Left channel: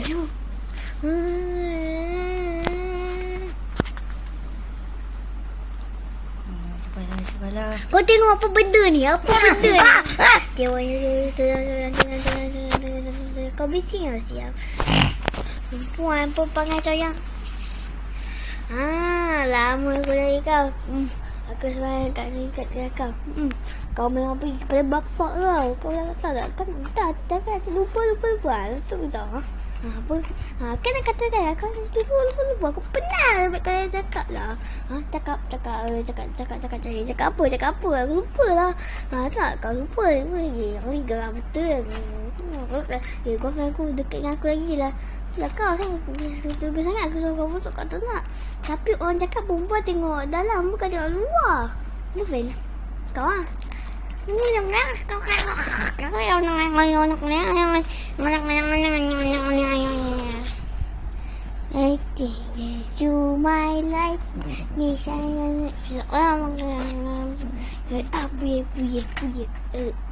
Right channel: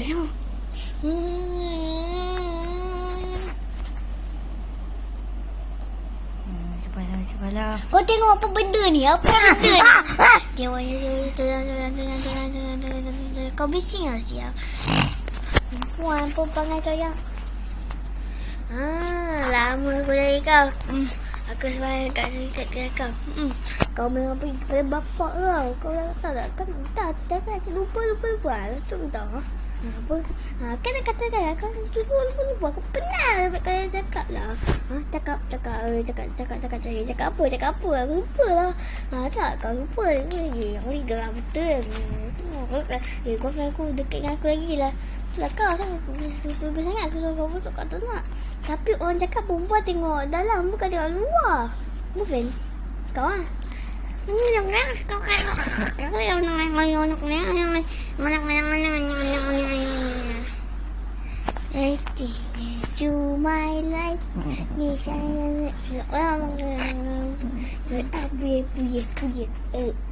Aduh. Cubalah. Kau tengok apa benda ni? Apa benda ni? Dia warna tengah. Kau bising lah siang. Perempuan ngacau yang. Lama aku dari kau. Aku sebenarnya kat kau. Kau memang pergi kepada bapak lah. Kau tahu tak? Kan tak lupa. Betul tak? Apa? Kan nak katakan lah. Kau lupa. Aku pernah kau dah cakap lah. Cakap apa? Aku lupa lah. Tak, kau lupa lagi. Aku ni geram betul. Girlfriend aku dekat dengan aku lagi lah. Lah kau suka sangat aku suruh kau masuk kat tu nak. Tapi orang cakap perempuan tengok dalam bukan tengok luar. Girlfriend kau lah. To my life.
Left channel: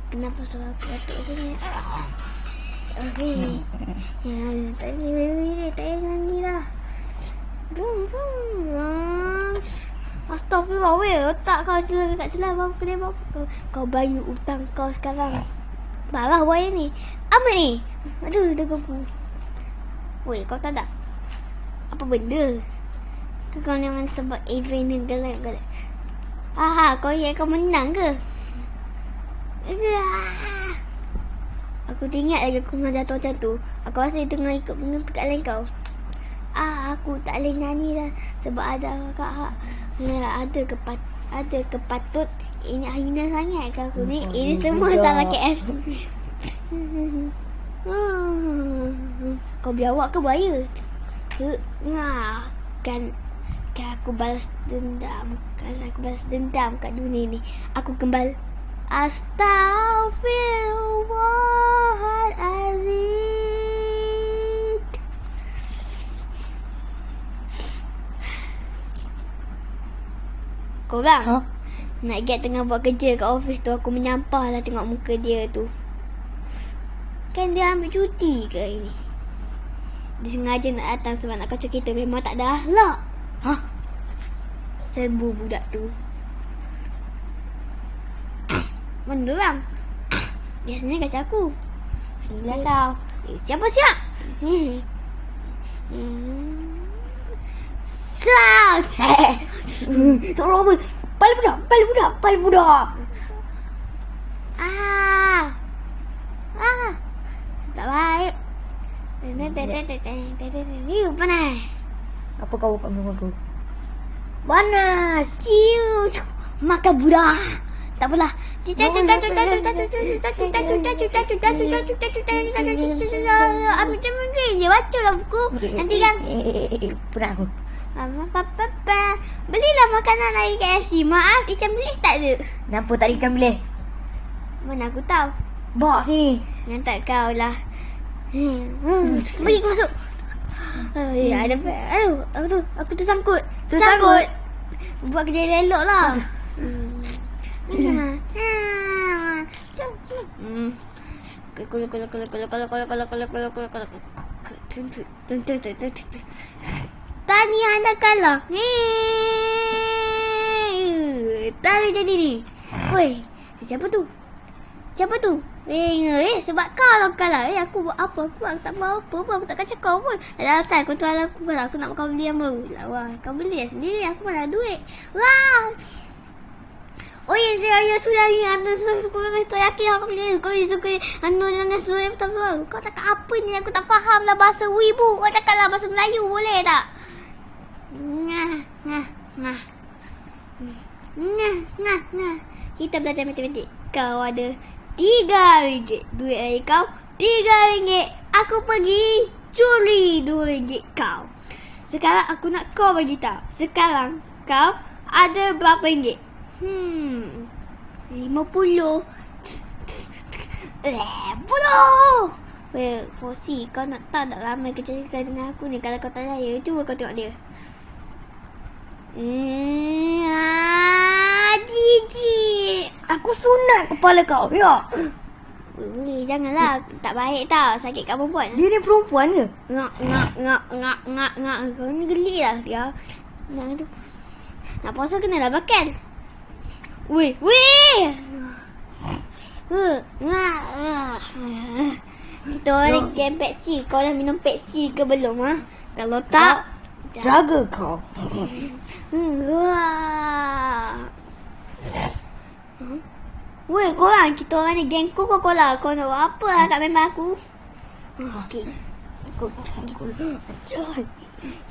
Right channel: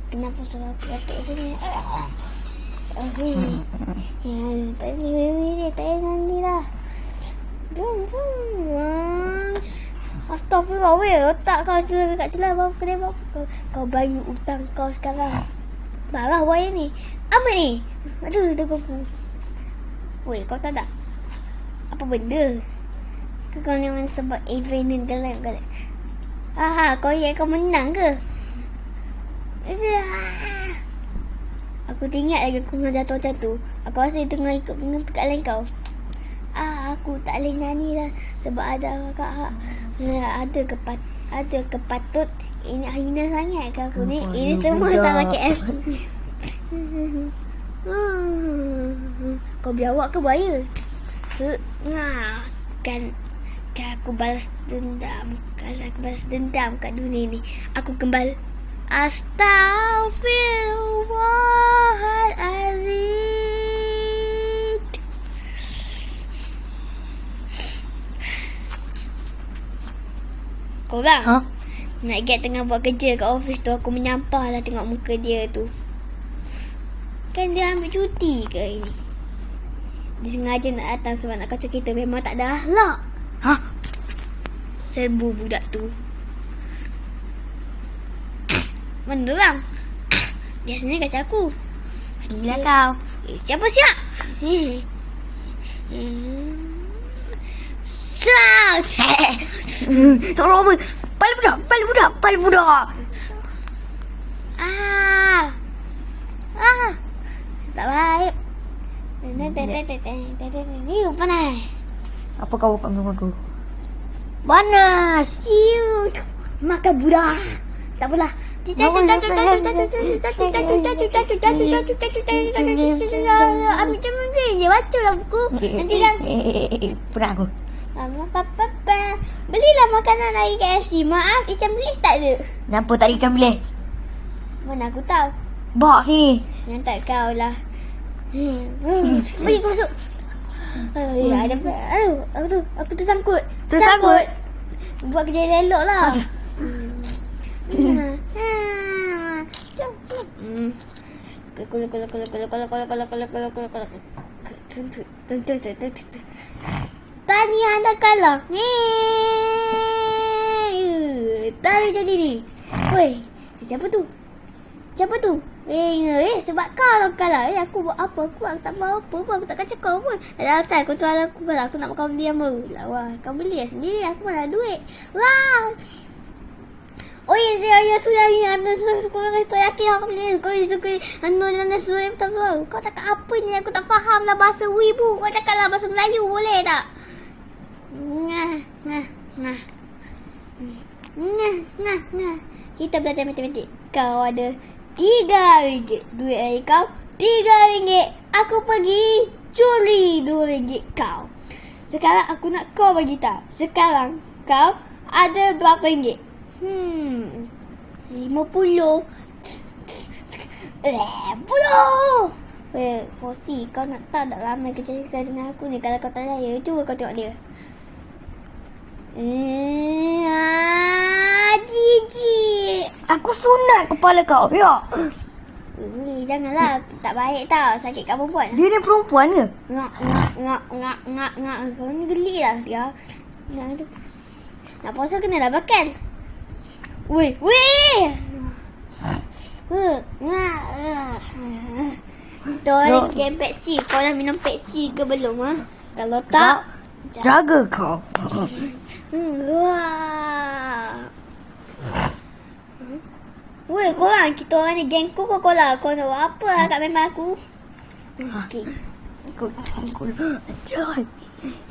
Kenapa suara aku batuk sini? Okay. Tak nyanyi lah. Astaghfirullah, weh. Otak kau kat celah apa kena apa. Kau bayar hutang kau sekarang. Parah wayar ni. Apa ni? Aduh, dah kupu. Weh, kau tahu tak? Apa benda? Kau jangan sebab adrenaline galak. Kau ingat kau menang ke? Aku teringat lagi aku tengah jatuh macam tu. Aku rasa dia tengah ikut perkataan kau. Aku tak boleh nyanyi lah. Sebab ada kakak. Ada kepatut ini hina sangat ke aku ni. Ini semua salah KFC. Kau biawak ke buaya? Kan aku balas dendam. Kalau aku balas dendam kat dunia ni, aku kembali. Astaghfirullahalazim. Korang nak get tengah buat kerja kat office tu. Aku menyampah lah tengok muka dia tu. Kan dia ambil cuti ke hari ni? Dia sengaja nak datang sebab nak kacau kita. Memang tak ada akhlak. Serbu budak tu. Mana orang? Biasanya kacau aku. Gila kau. Siapa? Sal. Tolong apa? Pala budak. Tak baik. Ni panas. Apa kau buka minum aku? Panas. Ciu. Makan budak. Tak apalah. Ambil teman je. Baca lah buku. Nanti dah. Pernah aku. Belilah makanan dari KFC. Maaf, ikan bilis tak ada. Kenapa tak ada ikan bilis? Mana aku tahu. Bawa sini. Yang tak kau lah. Bagi kau masuk. Ada apa? Aku tersangkut. Buat kerja elok lah. Tahniah anda kalah. Tadi ni. Woi, siapa tu? Sebab kau lah kalah. Aku buat apa? Aku tak buat apa pun. Aku tak kacau kau pun. Ada asal kau tuan aku kalau aku nak kau beli yang baru. Wah, kau beli sendiri. Aku mana ada duit. Wah. Saya sudah ni anda suka yakin aku ni. Kau suka anda suka betul. Kau cakap apa ni? Aku tak faham lah bahasa wibu. Kau cakap lah bahasa Melayu boleh tak? Kita belajar matematik. Kau ada RM3. Duit dari kau RM3. Aku pergi curi RM2 kau. Sekarang aku nak kau bagi tahu. Sekarang kau ada berapa ringgit? 50. 10. Fosi, kau nak tahu tak lama kerja dengan aku ni. Kalau kau tak percaya, cuba kau tengok dia. Jijik. Aku sunat kepala kau. Ya. Janganlah. Tak baik tau. Sakitkan perempuan. Dia ni perempuan ke? Ngak. Kau ni geli lah dia. Nak puasa kena lah bakal. Weh. Kita orang game Pepsi. Kau dah minum Pepsi ke belum? Ha? Kalau tak, Jaga kau. Weh, korang, kita orang ni geng kau lah. Kau nak buat apa lah kat memang aku? Okay.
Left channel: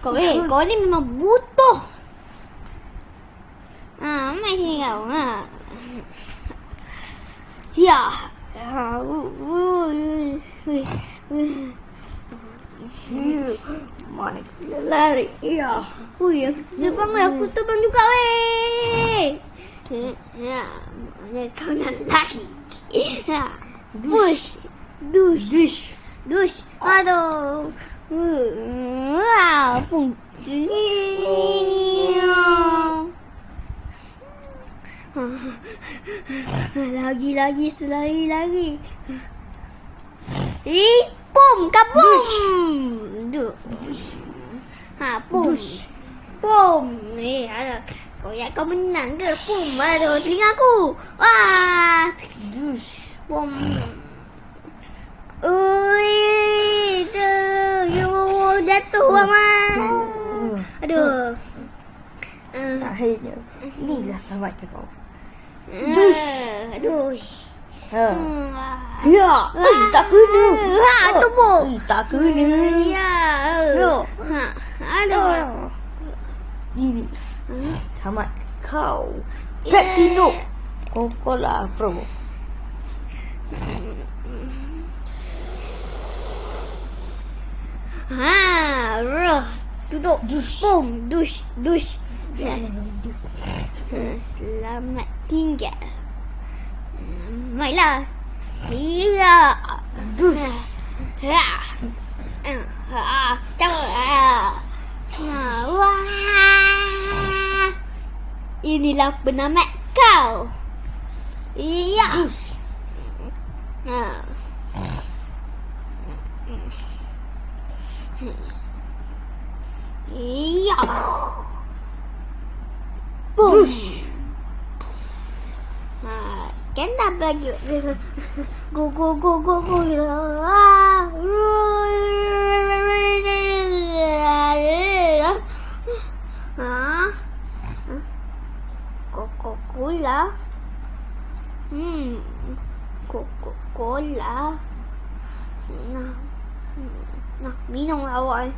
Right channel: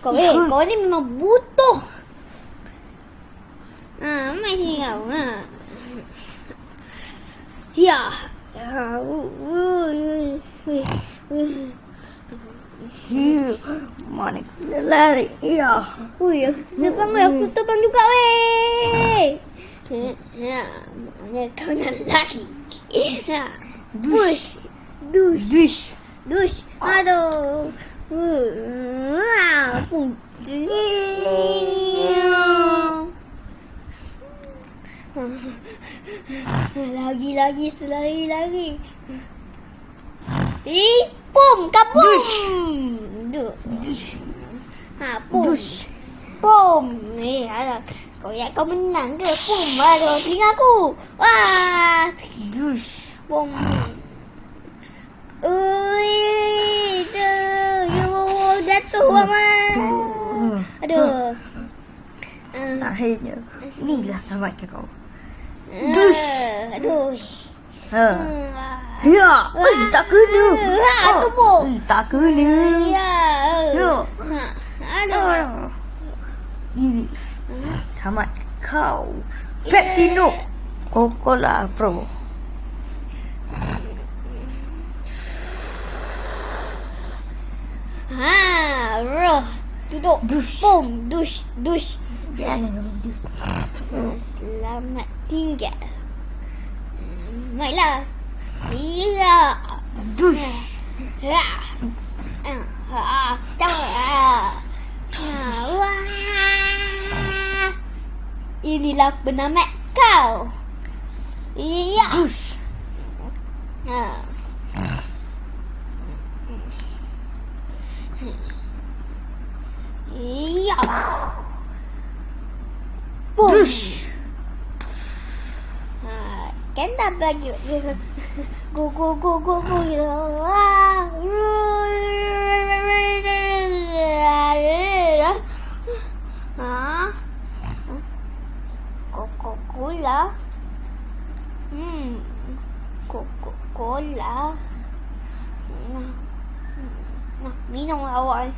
Kau ni memang butuh. Mai sini kau. Ya. Mana kita lari? Ya. Depan aku terbang juga weh. Mana kau nak lari? Dush. Aduh. Pung. Lagi. Pum, kabum. Pum. Pum. Alah. Kau menang ke? Pum. Aduh, telinga aku. Wah. Pum. Jatuh Aman. Aduh. Akhirnya. Inilah tamat kau. Aduh. Ya. Tak kena. Tepuk. Tak kena. Ya. Aduh. Ini. Tamat kau. Pepsi no. Coca-Cola Pro. Duduk. Pum. Dush. Selamat tinggal. Baiklah. Iya. Dush. Ya. Wah. Inilah penamat kau. Iya. Iya. Dush. Kan dah bagi. Go. Coca-Cola. Coca-Cola. Nah, minum awak.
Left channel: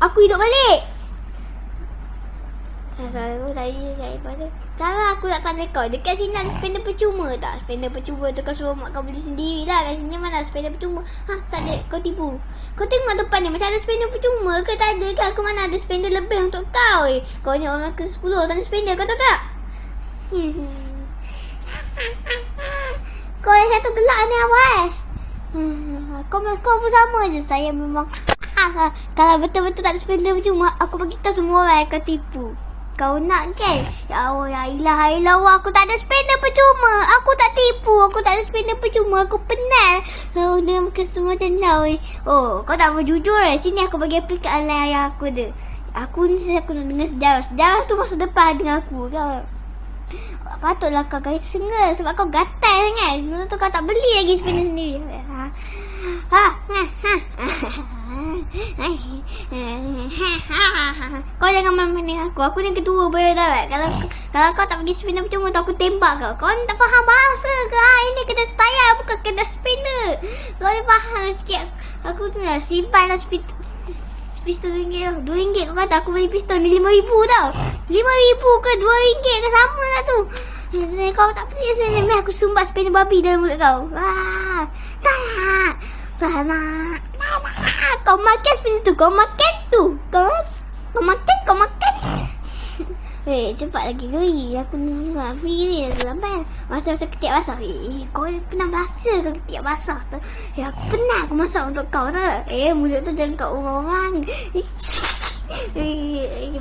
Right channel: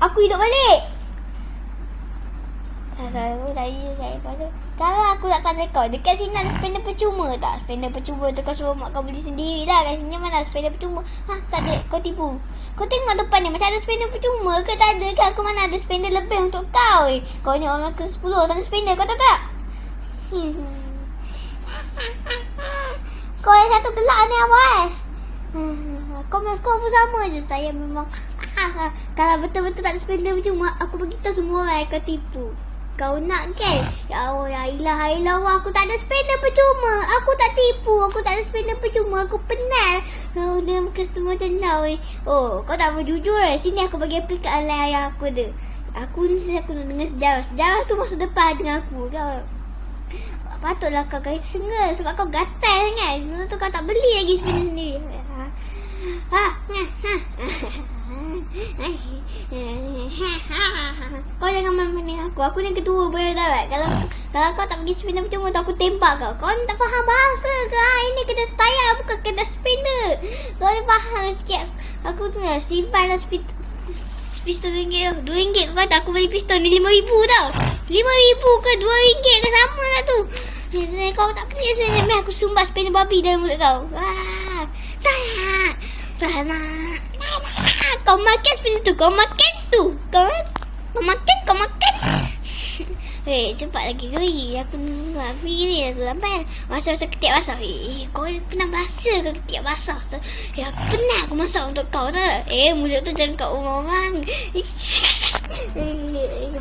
Aku hidup balik. Kalau aku nak tanya kau, dekat sini ada spender percuma tak? Spender percuma tu kau suruh mak kau beli sendiri lah. Kat sini mana ada spender percuma? Tak ada, kau tipu. Kau tengok depan ni macam ada spender percuma ke? Tak ada ke? Aku mana ada spender lebih untuk kau? Kau ni orang ke 10 tak ada spender, kau tahu tak? Kau yang satu gelak ni apa Kau pun sama je. Saya memang kalau betul-betul tak ada spender percuma, aku beritahu semua orang kau tipu. Kau nak kan? Ya Allah, ya ilah, aku tak ada spender percuma. Aku tak tipu, aku tak ada spender percuma. Aku penat dengan customer macam kau. Kau tak mau jujur Sini aku bagi aplik kat ayah aku ada. Aku nak dengar sejarah. Sejarah tu masa depan dengan aku. Kau patutlah kau guys single sebab kau gatal sangat. Sebab tu kau tak beli lagi spender sendiri. Kau jangan main-main dengan aku. Aku ni ketua boleh tak? Kalau kau tak pergi spinner percuma tu aku tembak kau. Kau ni tak faham bahasa ke? Ini kena tayar bukan kena spinner. Kau ni faham sikit. Aku tu nak simpan lah pistol RM2. RM2 kau kata aku beli pistol ni RM5,000 tau. RM5,000 ke RM2 ke sama lah tu. Kau tak kena sebenarnya aku sumbat spinner babi dalam mulut kau. Tak nak. Kau makan spinner tu. Kau makan tu. Kau makan. Cepat lagi kali. Aku ni api ni lambat. Masa ketiak basah. Kau pernah basah ke ketiak basah tu? Aku pernah aku masak untuk kau tak? Mulut tu jangan kat orang.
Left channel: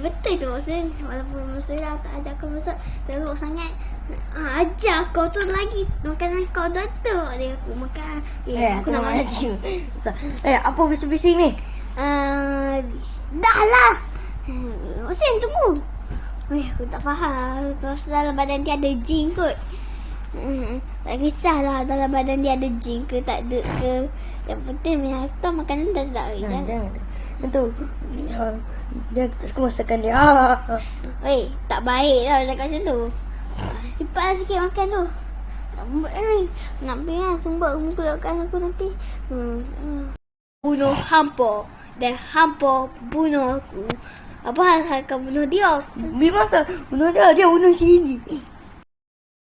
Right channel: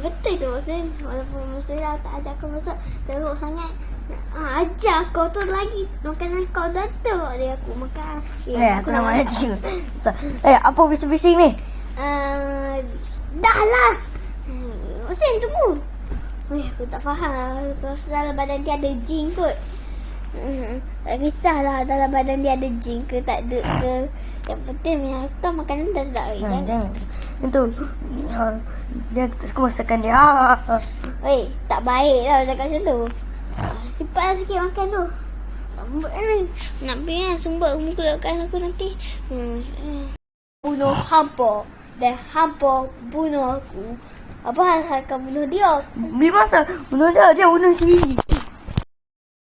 Betul tu maksudnya. Walaupun maksudnya tak ajak kau masak teruk sangat. Ajar kau tu lagi. Makanan kau dah tu. Dia aku makan. Aku nak mati. Apa bising-bising ni? Dah lah. Mesin tunggu. Aku tak faham. Kau dalam badan dia ada jin kot. Tak kisahlah dalam badan dia ada jin ke tak ada ke. Yang penting kau makanan dah sedap. Jangan. Itu. Dia tak suka masakan dia. Tak baik lah cakap macam tu. Cepat sikit makan tu. Nak pergi sumbat muka aku nanti. Bunuh hampa. Dan hampa bunuh aku. Apa hal kau bunuh dia? Bila masa bunuh dia bunuh sendiri.